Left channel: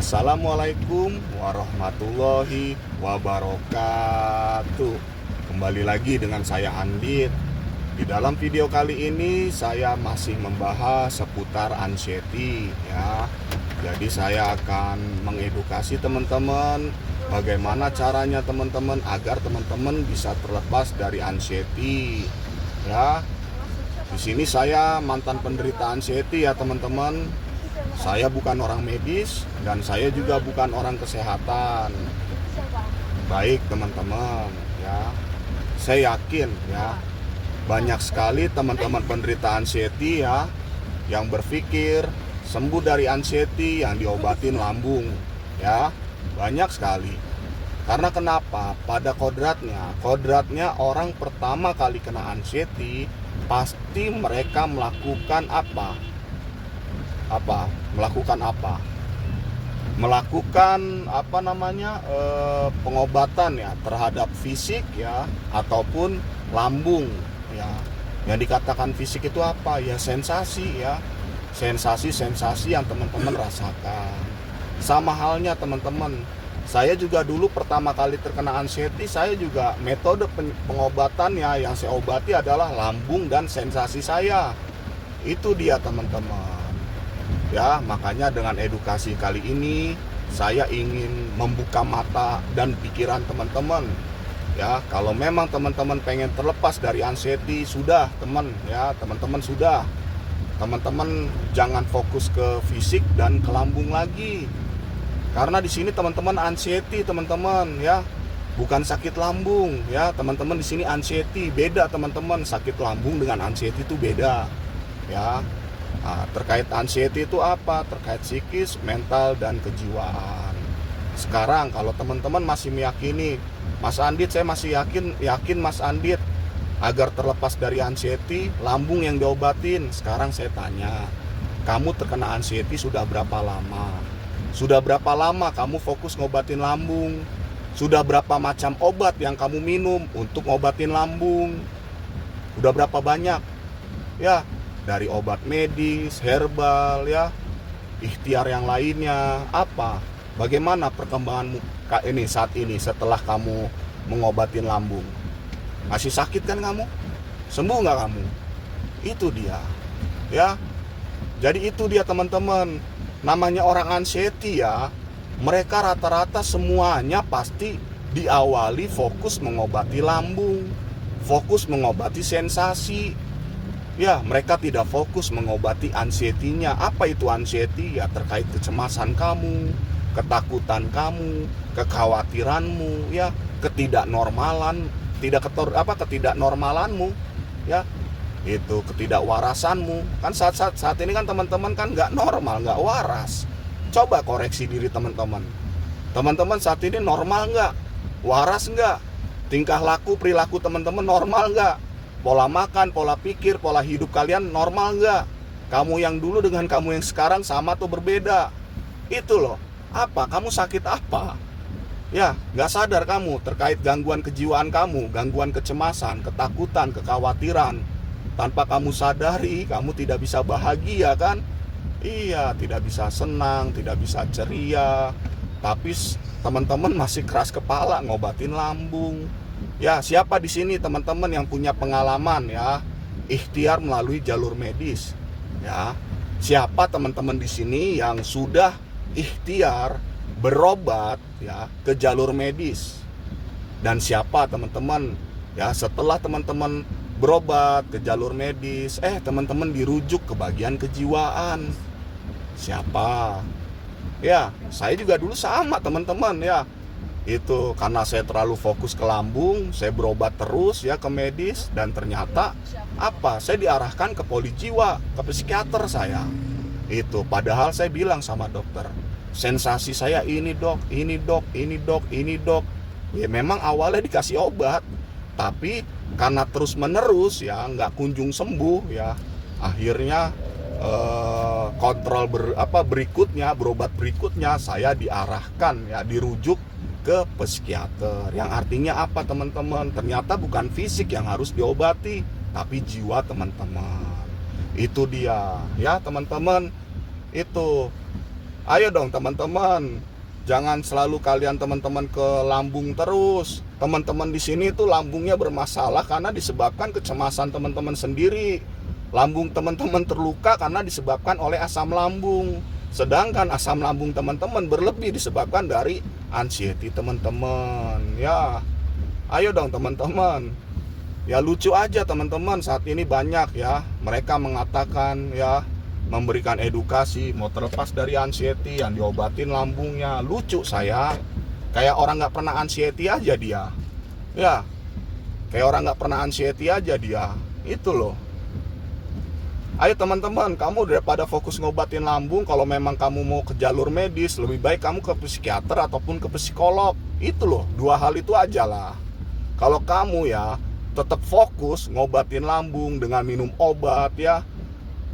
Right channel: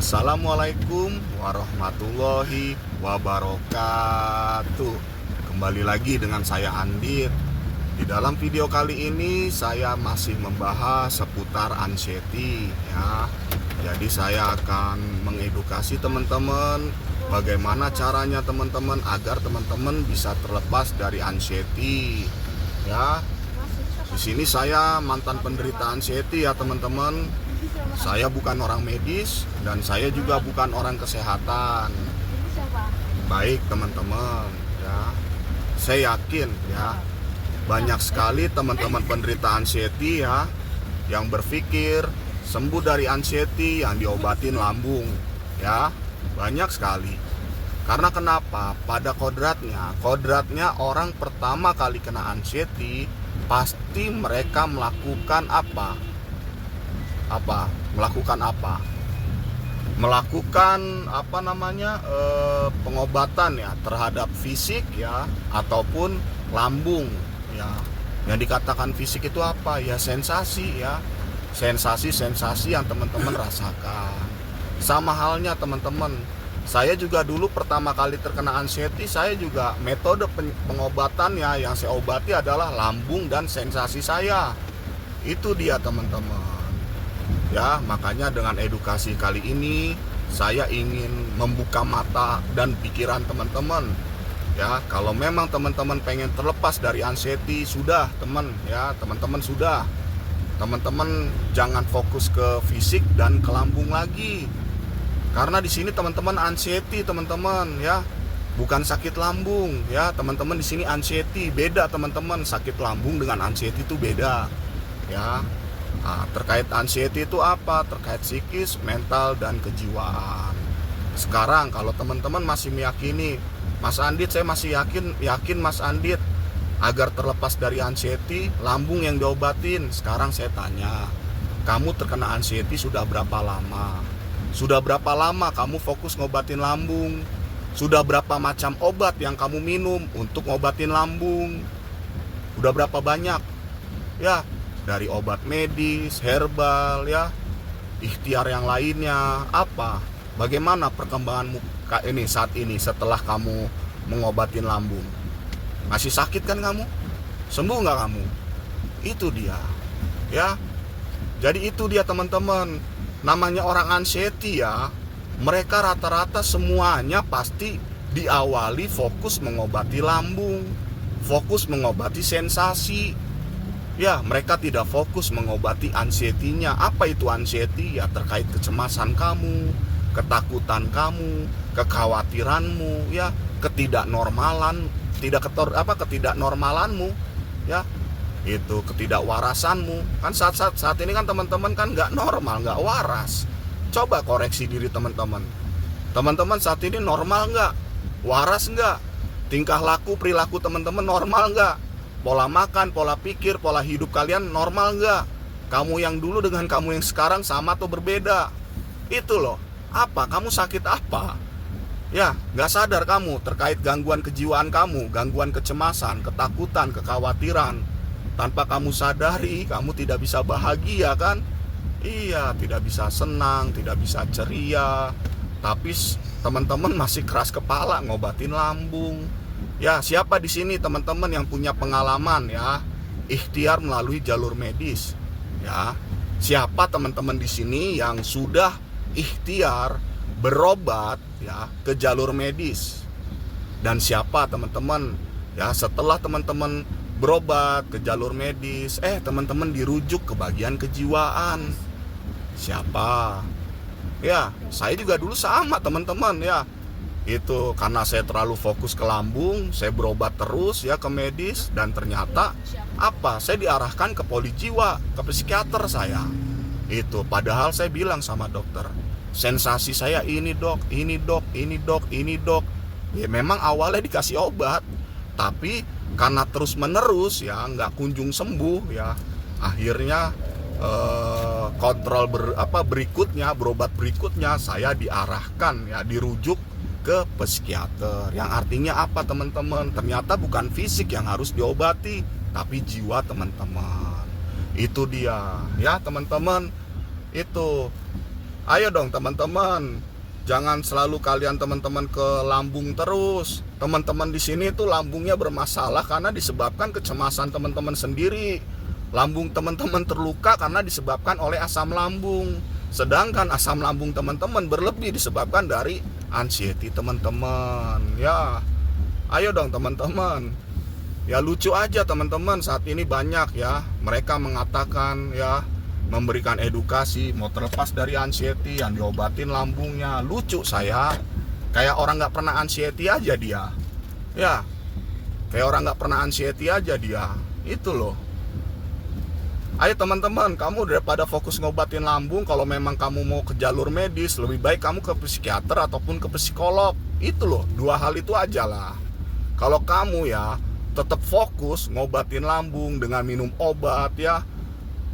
Assalamualaikum warahmatullahi wabarakatuh. Kembali lagi dengan saya Andit. Di dalam video kali ini saya masih membahas seputar anxiety ya. Jadi saya akan mengedukasi teman-teman bagaimana caranya teman-teman agar teman-teman bisa terlepas dari anxiety ya. Di sini saya mantan penderita anxiety ya teman-teman. Saya bukan orang medis dan saya juga bukan orang kesehatan. Baik teman-teman ya. Saya yakin ya banyak sekali teman-teman penderita anxiety ya yang berpikir sembuh dari anxiety yang diobatin lambung ya. Banyak sekali. Karena kenapa? Pada kodratnya orang pertama kali kena anxiety pasti mereka melakukan apa? Melakukan pengobatan ya terhadap fisik ya ataupun lambung ya. Yang dikatakan fisik itu apa? Ya sensasi ya. Sensasi yang teman-teman rasakan. Sama halnya teman-teman, saya juga dulu pertama kali terkena anxiety, saya juga metode pengobatannya yang saya obati adalah lambung dan sensasi saya. Itu dia teman-teman. Ya, makanya dengan edukasi kali ini saya ingin membuka mata dan pikiran teman-teman. Ya, kalau memang teman-teman pengen terlepas dari anxiety, sudah teman-teman sudah. Teman-teman jangan fokus ke fisik dan ke lambung lagi. Karena di sini teman-teman anxiety teman-teman ya, bukan sakit lambung ya. Teman-teman di sini anxiety, beda teman-teman. Sakit lambung dengan anxiety itu beda. Ya. Nah, terkait anxiety itu apa? Terkait psikis, mental, dan kejiwaan. Sekarang kalau teman-teman masih meyakini, Mas Andit, saya masih yakin Mas Andit agar terlepas dari anxiety, lambung yang diobatin. Sekarang saya tanya, kamu terkena anxiety sudah berapa lama? Sudah berapa lama kamu fokus ngobatin lambung? Sudah berapa macam obat yang kamu minum untuk ngobatin lambung? Udah berapa banyak? Ya, dari obat medis, herbal ya, ikhtiar yang lainnya, apa? Bagaimana perkembanganmu ini saat ini setelah kamu mengobatin lambung? Masih sakit kan kamu? Sembuh nggak kamu? Itu dia ya. Jadi itu dia teman-teman. Namanya orang anxiety ya, mereka rata-rata semuanya pasti diawali fokus mengobati lambung, fokus mengobati sensasi. Ya, mereka tidak fokus mengobati anxiety-nya. Apa itu anxiety? Ya terkait kecemasan kamu, ketakutan kamu, kekhawatiranmu, ya, ketidaknormalanmu, ya, itu ketidakwarasanmu. Kan saat ini kan teman-teman kan nggak normal, nggak waras. Coba koreksi diri teman-teman. Teman-teman saat ini normal nggak? Waras nggak? Tingkah laku, perilaku teman-teman normal nggak? Pola makan, pola pikir, pola hidup kalian normal nggak? Kamu yang dulu dengan kamu yang sekarang sama atau berbeda? Itu loh. Apa? Kamu sakit apa? Ya, nggak sadar kamu terkait gangguan kejiwaan kamu, gangguan kecemasan, ketakutan, kekhawatiran. Tanpa kamu sadari, kamu tidak bisa bahagia kan? Iya, tidak bisa senang, tidak bisa ceria. Tapi teman-teman masih keras kepala ngobatin lambung. Ya, siapa di sini teman-teman yang punya pengalaman ya ikhtiar melalui jalur medis? Ya, siapa teman-teman di sini yang sudah ikhtiar berobat ya ke jalur medis? Dan siapa teman-teman ya setelah teman-teman berobat ke jalur medis, teman-teman dirujuk ke bagian kejiwaan? Siapa? Ya, saya juga dulu sama teman-teman ya. Itu karena saya terlalu fokus ke lambung, saya berobat terus ya ke medis, dan ternyata apa? Saya diarahkan ke polijiwa, ke psikiater saya. Itu padahal saya bilang sama dokter, sensasi saya ini dok. Ya memang awalnya dikasih obat, tapi karena terus menerus ya nggak kunjung sembuh ya, akhirnya berobat berikutnya saya diarahkan ya, dirujuk ke psikiater. Yang artinya apa teman-teman? Ternyata bukan fisik yang harus diobati, tapi jiwa teman-teman. Itu dia ya teman-teman. Itu Ayo dong teman-teman, jangan selalu kalian teman-teman ke lambung terus. Teman-teman di sini tuh lambungnya bermasalah karena disebabkan kecemasan teman-teman sendiri. Lambung teman-teman terluka karena disebabkan oleh asam lambung. Sedangkan asam lambung teman-teman berlebih disebabkan dari anxiety teman-teman. Ya, ayo dong teman-teman. Ya lucu aja teman-teman, saat ini banyak ya mereka mengatakan ya, memberikan edukasi mau terlepas dari anxiety, yang diobatin lambungnya. Lucu saya, kayak orang nggak pernah anxiety aja dia. Ya, kayak orang nggak pernah anxiety aja dia. Itu loh. Ayo teman-teman, kamu daripada fokus ngobatin lambung, kalau memang kamu mau ke jalur medis, lebih baik kamu ke psikiater ataupun ke psikolog. Itu loh, dua hal itu aja lah. Kalau kamu ya tetap fokus ngobatin lambung dengan minum obat ya,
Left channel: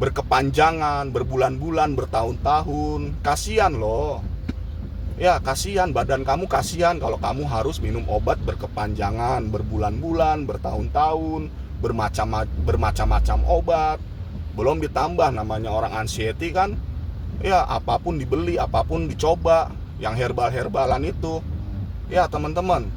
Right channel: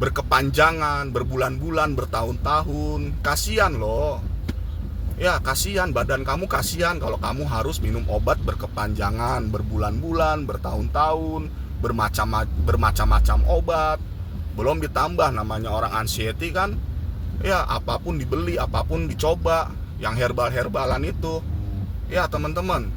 berkepanjangan, berbulan-bulan, bertahun-tahun, kasihan loh. Ya kasihan, badan kamu kasihan kalau kamu harus minum obat berkepanjangan, berbulan-bulan, bertahun-tahun, bermacam-macam obat. Belum ditambah namanya orang anxiety kan, ya apapun dibeli, apapun dicoba, yang herbal-herbalan itu. Ya teman-teman,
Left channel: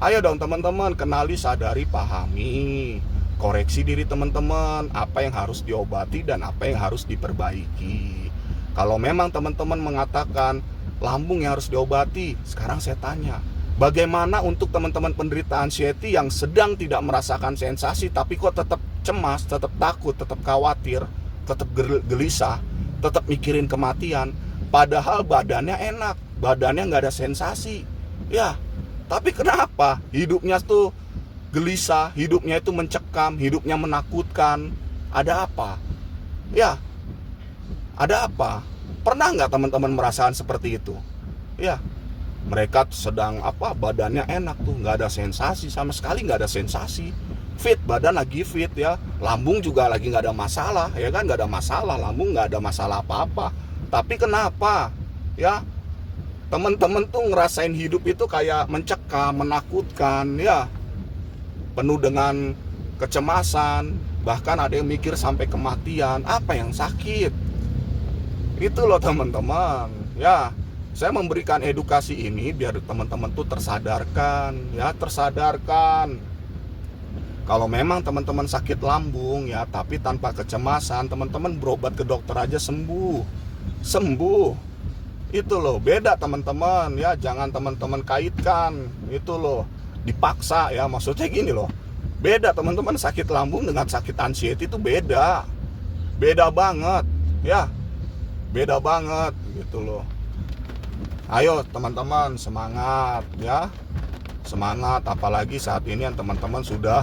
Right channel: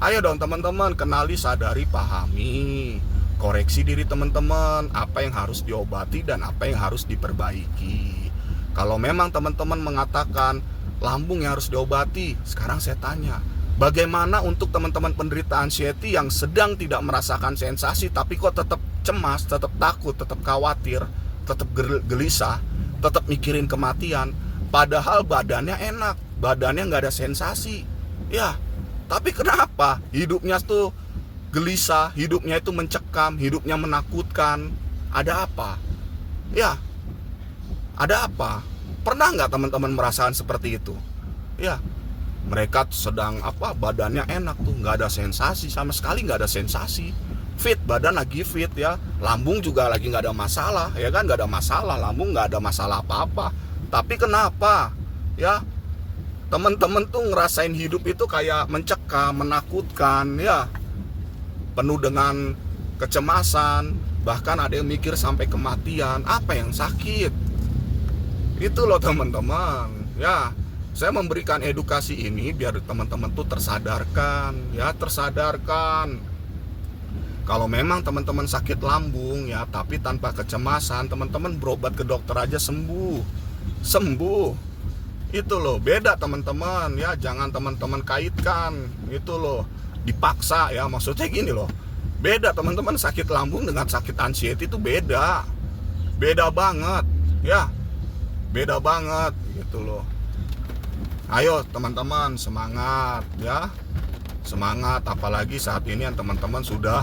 ayo dong teman-teman, kenali, sadari, pahami. Koreksi diri teman-teman, apa yang harus diobati dan apa yang harus diperbaiki. Kalau memang teman-teman mengatakan lambung yang harus diobati, sekarang saya tanya, bagaimana untuk teman-teman penderita anxiety yang sedang tidak merasakan sensasi tapi kok tetap cemas, tetap takut, tetap khawatir, tetap gelisah, tetap mikirin kematian, padahal badannya enak, badannya nggak ada sensasi. Ya, tapi kenapa hidupnya tuh gelisah, hidupnya itu mencekam, hidupnya menakutkan? Ada apa? Ya, ada apa? Pernah nggak teman-teman merasakan seperti itu? Ya, mereka sedang badannya enak tuh, nggak ada sensasi, sama sekali nggak ada sensasi. Fit, badan lagi fit ya, lambung juga lagi nggak ada masalah, ya kan, nggak ada masalah, lambung nggak ada masalah apa-apa. Tapi kenapa? Ya, teman-teman tuh ngerasain hidup itu kayak mencekam, menakutkan ya, penuh dengan kecemasan, bahkan ada yang mikir sampai kematian. Apa yang sakit? Itu loh teman-teman. Ya, saya memberikan edukasi ini biar teman-teman tuh tersadarkan, ya, tersadarkan. Kalau memang teman-teman sakit lambung ya, tapi tanpa kecemasan, teman-teman berobat ke dokter aja sembuh. Sembuh. Itu loh, beda teman-teman ya, jangan teman-teman kaitkan. Itu loh, dipaksa ya, maksudnya gini loh. Beda teman-teman, sakit lambung dengan sakit anxiety itu beda. Beda banget ya. Beda banget gitu loh. Ayo teman-teman, semangat ya. Semangat, apalagi saat ini yang teman-teman sudah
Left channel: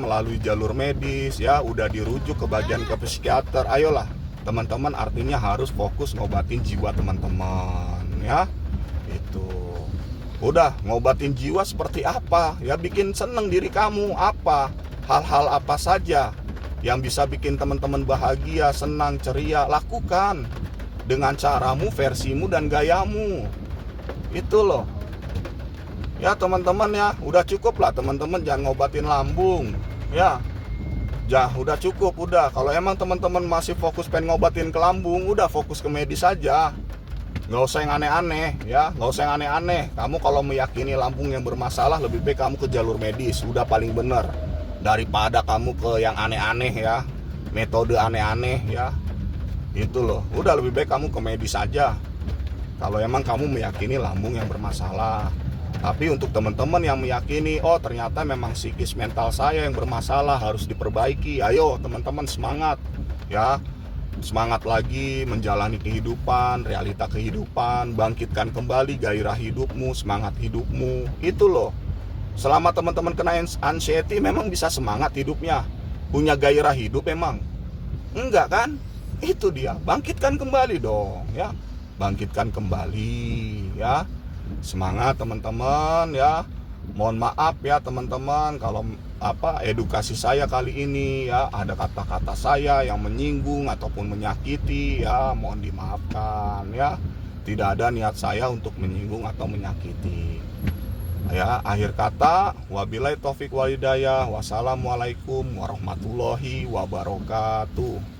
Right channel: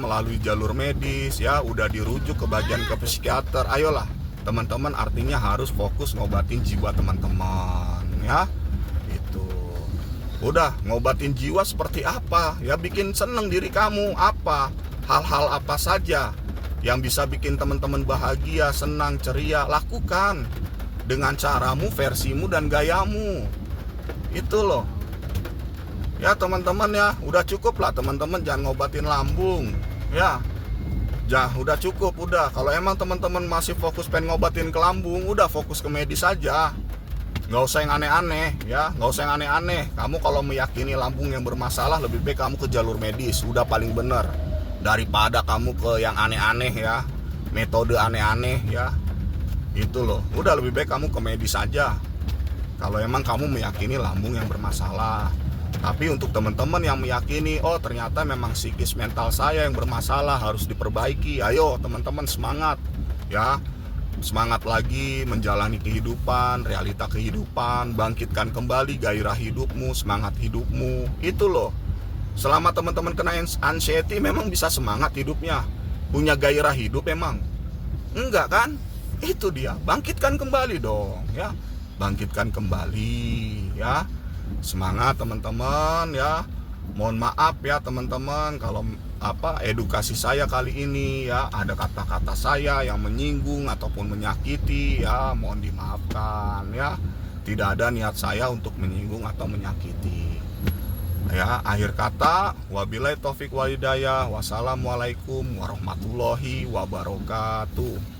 melalui jalur medis ya, udah dirujuk ke bagian ke psikiater. Ayolah teman-teman, artinya harus fokus ngobatin jiwa teman-teman ya. Itu udah, ngobatin jiwa seperti apa ya, bikin seneng diri kamu. Apa hal-hal apa saja yang bisa bikin teman-teman bahagia, senang, ceria, lakukan dengan caramu, versimu, dan gayamu. Itu loh ya teman-teman ya, udah cukup lah teman-teman, jangan ngobatin lambung ya. Udah cukup, udah. Kalau emang teman-teman masih fokus pengen ngobatin ke lambung, udah fokus ke medis aja. Nggak usah yang aneh-aneh ya, nggak usah yang aneh-aneh. Kamu kalau meyakini lambung yang bermasalah, lebih baik kamu ke jalur medis, udah paling bener. Daripada kamu ke yang aneh-aneh ya, metode aneh-aneh ya. Itu loh, udah lebih baik kamu ke medis aja kalau emang kamu meyakini lambung yang bermasalah. Tapi untuk teman-teman yang meyakini, oh ternyata memang psikis mental saya yang bermasalah, harus diperbaiki. Ayo teman-teman, semangat ya. Semangat lagi menjalani kehidupan, realita kehidupan, bangkitkan kembali gairah hidupmu, semangat hidupmu. Itu loh. Selama teman-teman kena anxiety, memang bisa semangat hidupnya, punya gairah hidup emang? Enggak kan? Itu dia, bangkitkan kembali dong ya. Bangkitkan kembali ya. Semangat teman-teman ya. Mohon maaf ya teman-teman kalau edukasi saya kali ini ya ada kata-kata saya yang menyinggung ataupun menyakiti ya, mohon dimaafkan ya. Tidak ada niat saya untuk menyinggung atau menyakiti. Ya, akhir kata, wabillahi taufik wal hidayah. Wassalamualaikum warahmatullahi wabarakatuh.